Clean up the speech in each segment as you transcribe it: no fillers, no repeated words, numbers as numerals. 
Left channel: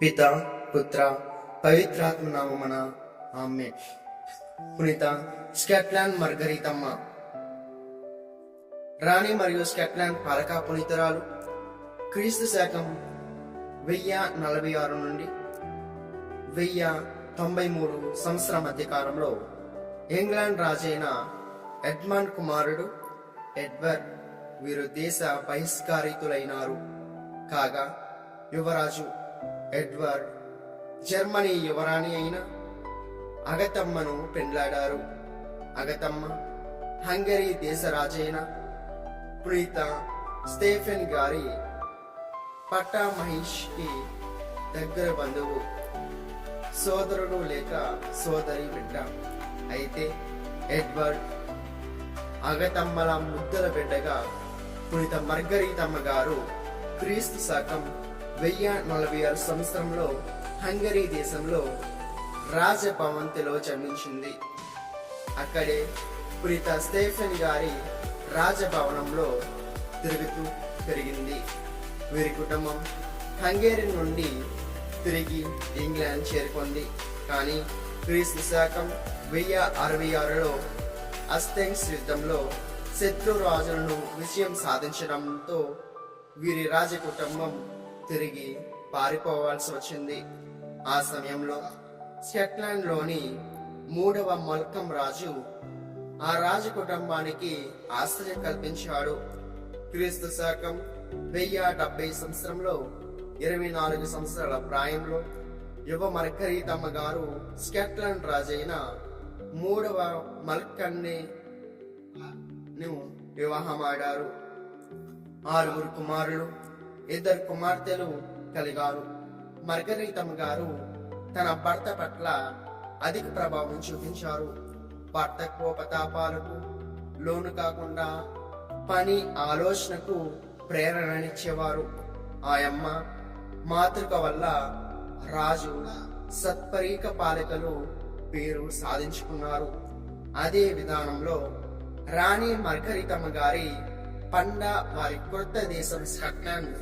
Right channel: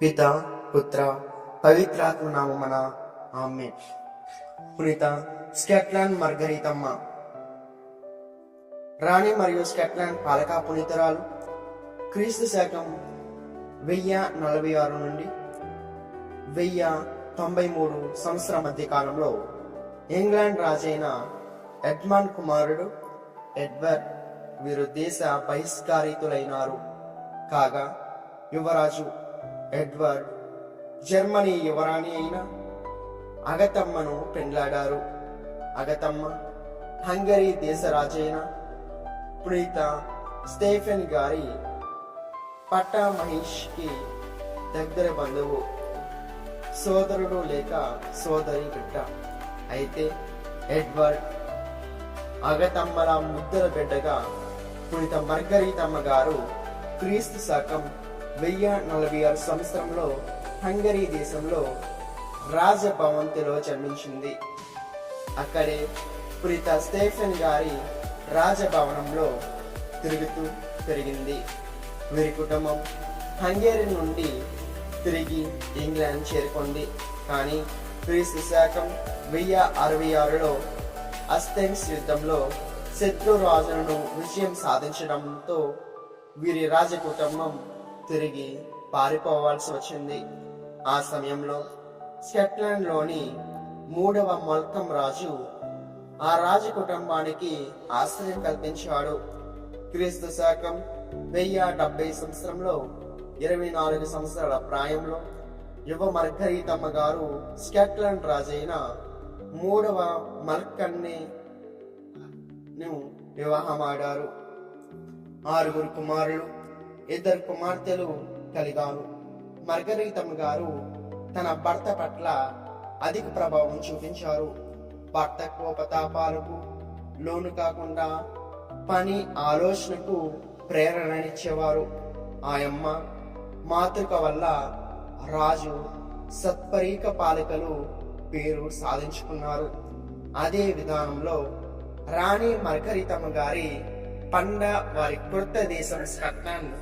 పిత పుత్ర పవిత్రాత్మ నామమున ఆమేన్. పునీత స్కాట్లాండ్ మార్గరీతమ్మ రాణి మరియు స్కాట్లాండ్ పాలకా పునీతరాలు క్రీస్తు శకం 1046 నుండి 1093 సంవత్సరం మధ్య కాలంలో ఇంగ్లాండ్ రాజైన ఎడ్మండ్ కుమారుడు ఎడ్వర్డ్ వీరు దేశ బహిష్కరితులైనారు. కాగా యువరాజు ఎడ్వర్డ్ జర్మనీ యువరాణి అయిన అగతమ్మను పెండ్లాడారు. అగతమ్మ హంగరీ దేశ రాజైన పునీత స్టెఫెన్ గారి పట్టమహిష్కి దగ్గర బంధువు, సోదరుడు లేక సోదరి బిడ్డ. అయితే ఎడ్వర్డ్ అగతమ్మల ముద్దల బిడ్డగా పునీత మార్గరీతమ్మ గారు క్రీస్తు శకం 1046 సంవత్సరంలో హంగరీ దేశంలో రాజభవంతిలో జన్మించింది. అక్కడే పునీత స్టెఫెన్ గారి రాజభవనంలో తిరుగుతూ పెరిగింది. వీరి కుటుంబం హంగేరీ నుండి తిరిగి ఇంగ్లాండ్ చేరుకుంది. కానీ క్రీస్తు శకం 1066లో అస్టెన్స్ యుద్ధంలో శత్రు రాజులను విజయం సాధించడంతో వీరి రాజకుటుంబం తిరిగి పారిపోవాల్సి వచ్చింది. ఆ సమయంలో స్కాట్లాండ్లోని 3వ మల్కం రాజు ఆ రాజకుటుంబానికి ఆశ్రయం కల్పించాడు. క్రీస్తు శకం 1070 సంవత్సరంలో 24 సంవత్సరాల ప్రాయంలో యువ మార్గరీతమ్మ గారు స్కాట్లాండ్ రాజైన 3వ మల్కన్నే వివాహమాడారు. 6 కుమారులు 2 కుమార్తెలు కలిగారు. మార్గరీతమ్మ గారు తన భర్త పట్ల అధిక ప్రభావం చూపించారు. భర్త కోపతాపాలకు లోను కాకుండా పని ఆలోచనకు ప్రేరణనిచ్చేవారు. ఆయమ్మ మాతృక వల్ల రాజు సత్పరీక పాలికలు పేరు సాధించుకున్నారు. అదే విధానంలో రాణి మార్గరీతమ్మ గారి పండ వారి కొత్త దేశం స్కాట్లాండ్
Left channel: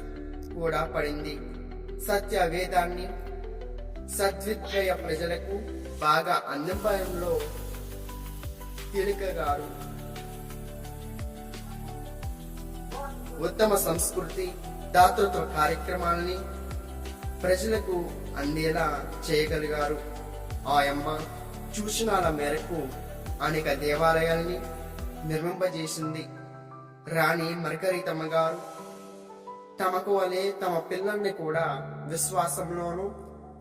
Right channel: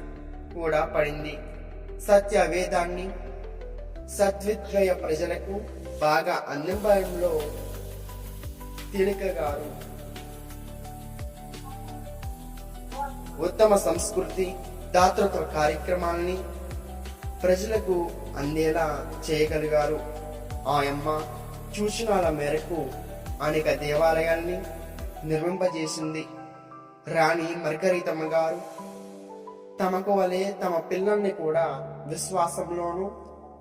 కూడా పడింది. సత్య వేదాన్ని సద్విద్య ప్రజలకు బాగా అందింపడంలో తేలికగారు. ఉత్తమ సంస్కృతి దాతృత్వ కార్యక్రమాల్ని ప్రజలకు అందేలా చేయగలిగారు. ఆయమ్మ సూచనల మేరకు అనేక దేవాలయాల్ని నిర్మింపజేసింది. రాణి మార్గరీతమ్మ గారు తమకు వలె తమ పిల్లల్ని కూడా విశ్వాసంలోను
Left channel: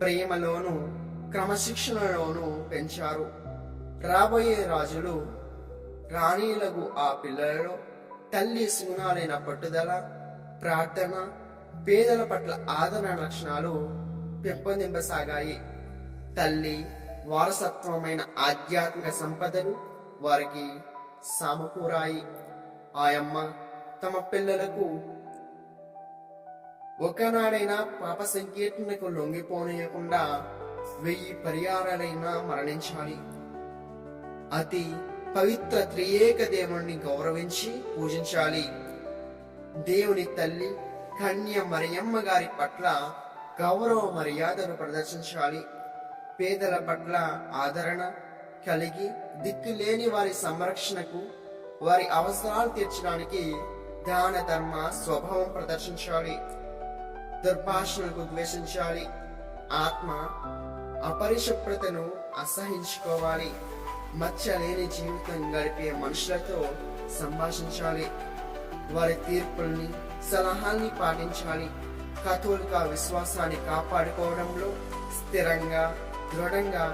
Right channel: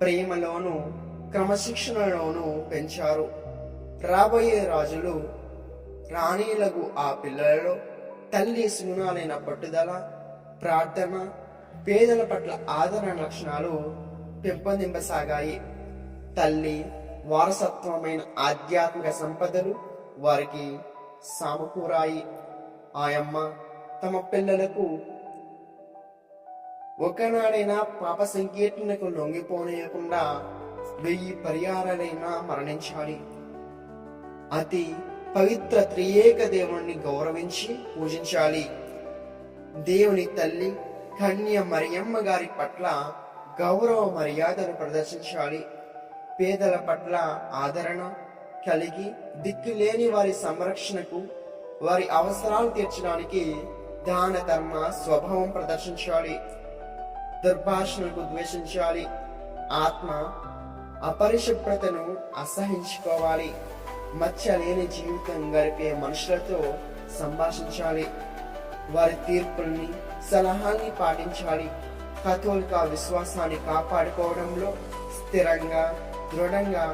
ప్రేమలోను క్రమశిక్షణలోను పెంచారు. రాబోయే రాజులు రాణీలకు ఆ పిల్లలలో తల్లి సుగుణాలైన పట్టుదల, ప్రార్థన, పేదల పట్ల ఆదరణ లక్షణాలు పెంపొందింపసాగాయి. తల్లి వారసత్వమైన ఆధ్యాత్మిక సంపదలు వారికి సమకూరాయి. ఆయమ్మ తమ పిల్లలకు ఒకనాడైనా పాప సంకీర్తనకు లొంగిపోనీయకుండా 1000 పర్యాయాలైనా మరణించాలి. అతి పవిత్ర త్రియేక దేవుణ్ణి గౌరవించి పూజించాలి. దేవుని తల్లి కన్య మరియమ్మ గారి పట్ల గౌరవ మర్యాదలు ప్రదర్శించాలి. పేదల పట్ల ఆదరణ కలిగి దిక్కులేని వారి సంరక్షణకు, వారి అవసరాలు తీర్చడానికి దాన ధర్మ స్వభావం ప్రదర్శించాలి. దుర్భాషణకు ద్వేషించాలి. ఆత్మ అపరిశుభ్రతను అసహించుకోవాలి. మచ్చలేని జీవితం గడిపే మనుషులతో సంభాషించాలి. వారి తీర్పుల్ని సలహాల్ని పాటించాలి. కథోలిక విశ్వాసాన్ని కాపాడుకోవడంలో స్థిరంగా దృఢంగా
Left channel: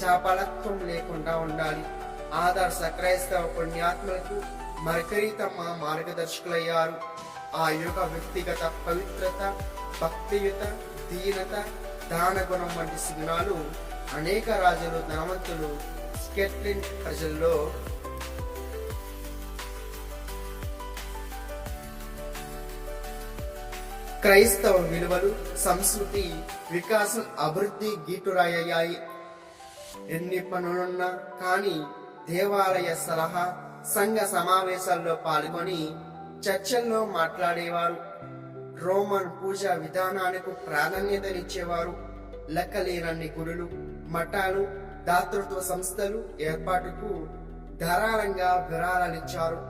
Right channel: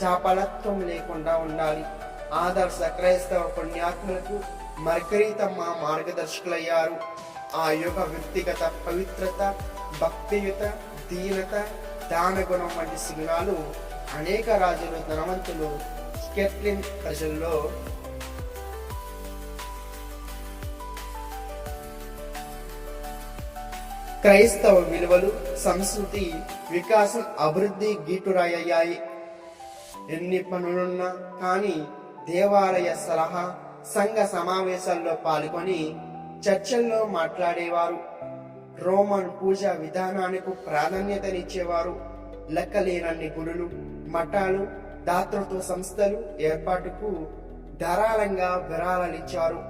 చాపలత్వం లేకుండా ఉండాలి. ఆదర్శ క్రైస్తవ పుణ్యాత్మలకు మార్గరీతమ్మ మార్గదర్శకులయ్యారు. ఆ యుగ వ్యక్తిగత పవిత్రత, భక్తియుత, దీనత, దాన గుణం వంటి సిగ్నాలు అనేక రాజులు, ధనవంతులు, స్కాట్లాండ్ ప్రజల్లో క్రైస్తవ విలువలు, సంస్కృతి వికాసం, అభివృద్ధి గీటురాయ్యాయి. ఎన్ని పనులున్నా కానీ దేవాలయ సలహా, సంఘ సమావేశాల్లో పాల్గొని చర్చల్లో మాట్లాడేవారు. రోమన్ పూజా విధానానికి ప్రాధాన్యతనిచ్చేవారు. లెక్కలేనన్ని గుడులు, మఠాలు, దాతృత్వ సంస్థలు ఏర్పాటుకు ధారాళంగా విరాళాలిచ్చారు.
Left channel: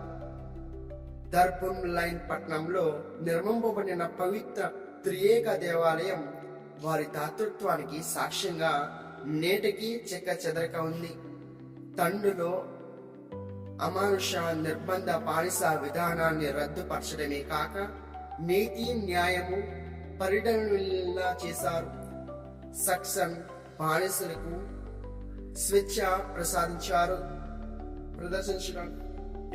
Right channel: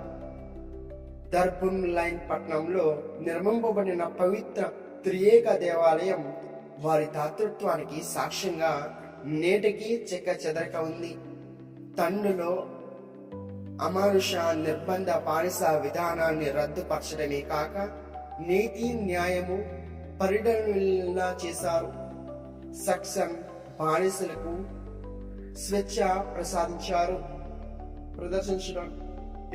దర్బున్ పట్టణంలో నిర్మింపబడిన పవిత్ర త్రియేక దేవాలయం వారి దాతృత్వానికి సాక్ష్యంగా నేటికి చెక్క చెదరక ఉంది. తండులో అమానుష నిర్బంధ బానిస విధానాన్ని రద్దుపరచడమే కాక నీతి న్యాయము పరిడవిల్లా చేశారు. సక్సన్ బానిసలకు స్వేచ్ఛ ప్రదర్శించడం,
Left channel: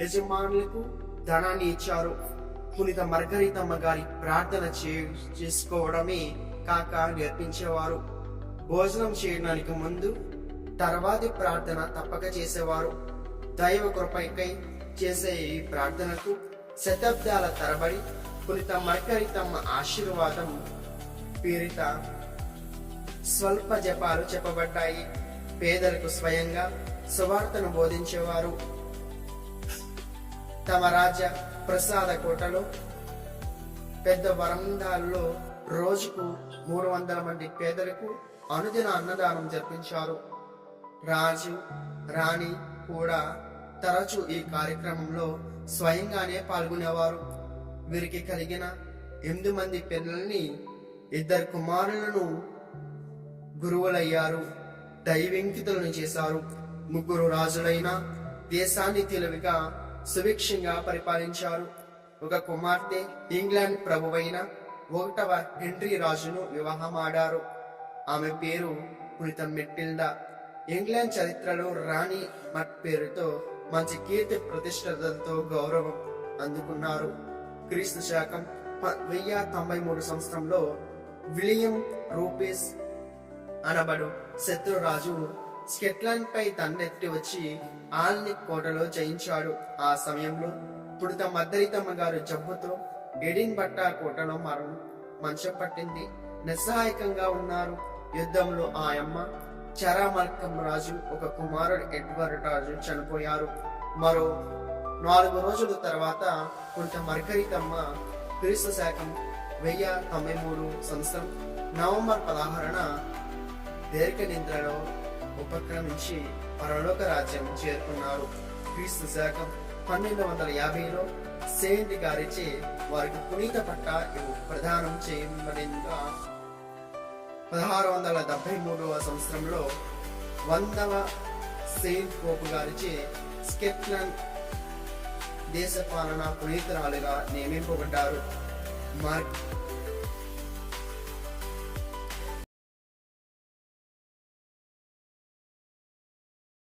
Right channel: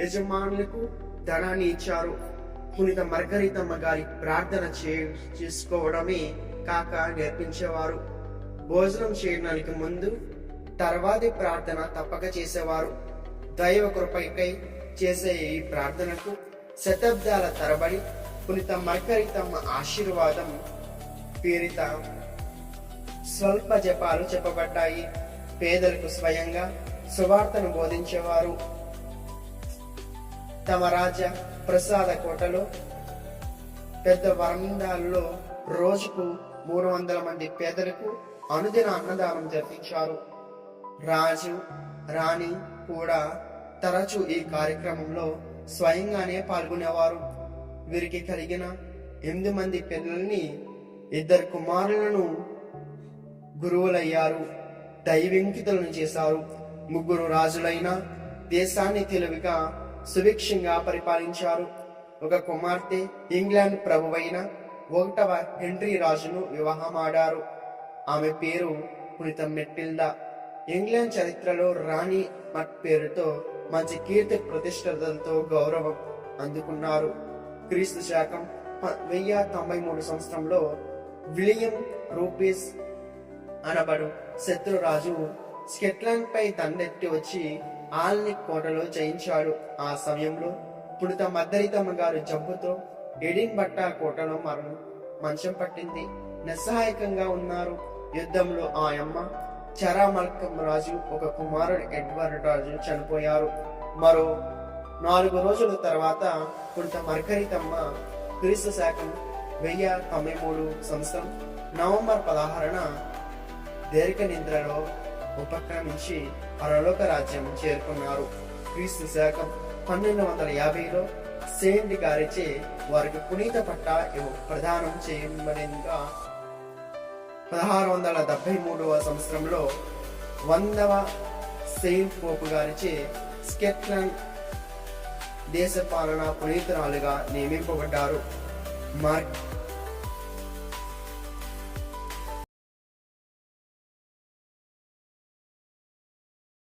యజమానులకు ధనాన్ని ఇచ్చారు. పునీత మార్గరితమ్మ గారి ప్రార్థన చేసుకోవడమే కాక నేర్పించేవారు. భోజనం చేయడానికి ముందు తర్వాతి ప్రార్థన తప్పక చేసేవారు. దైవ కృపకై చేసే ఈ ప్రార్థనకు శతాబ్దాల తరబడి పునీత మార్గరితమ్మ ఆశీర్వాదం పేరిట స్వల్ప జపాలు చెప్పబడ్డాయి. పేదలకు స్వయంగా సువార్తను బోధించేవారు. తమ రాజ్య ప్రసాద కోటలో పెద్ద వరండాల్లో రోజుకు 300 మంది పేదలకు అనుదిన అన్నదానం జరిపించారు. రాజు రాణి కూడా తరచూ ఈ కార్యక్రమంలో స్వయంగానే పాల్గొనేవారు. వీరికి కలిగిన 8 మంది పిల్లల్ని 2 కుమారులను గురువులయ్యారు, దైవింకితులను చేశారు. 3 రాజులైన దేశాన్ని తెలివిగా సుభిక్షంగా పరిపాలించారు. ఒక కుమార్తె ఇంగ్లాండ్ ప్రభువైన 1వ హెన్రీ రాజును వివాహమాడారు. ఆమె పేరు పునీత మెటిల్డా. ఇంగ్లాండ్ చరిత్రలో రాణి మట్ పేరుతో మంచి కీర్తి ప్రతిష్టలతో గౌరవం అందుకున్నారు. క్రీస్తు శకం 1093 సంవత్సరంలో విలియం రూపీస్ అనబడు శత్రురాజు స్కాట్లాండ్ పై దండెత్తి వచ్చి ఆల్నిక్ కోటలో జయించాడు. ఆ సమయంలో పునీత మార్గరితమ్మ గారు జబ్బుతో ఎడిన్బర్గ్ కోటలో మంచం పట్టింది. నిస్సహాయకంగా ఉన్నారు. యుద్ధంలో ఆ అమ్మ, చరామల్కం రాజు, ఒక కుమారుడు ఎడ్వర్డ్ రాజు చనిపోయారు. మరో 4 రోజుల తర్వాత పునీత మార్గరితమ్మ క్రీస్తు శకం 1093 సంవత్సరం నవంబర్ 16న దీర్ఘ నిద్రలో ఉపక్రమించి పరలోక రాజ్యం చేరుకున్నారు. క్రీస్తు శకం 1250లో సెయింట్ గారిచే వారికి పునీత పట్ట ప్రదానం చేయబడినగా 1673వ సంవత్సరంలో 100వ సెయింట్ పోపు గారిచే స్కాట్లాండ్ దేశ పాలన పునీతురాలుగా నియమింపబడ్డారు.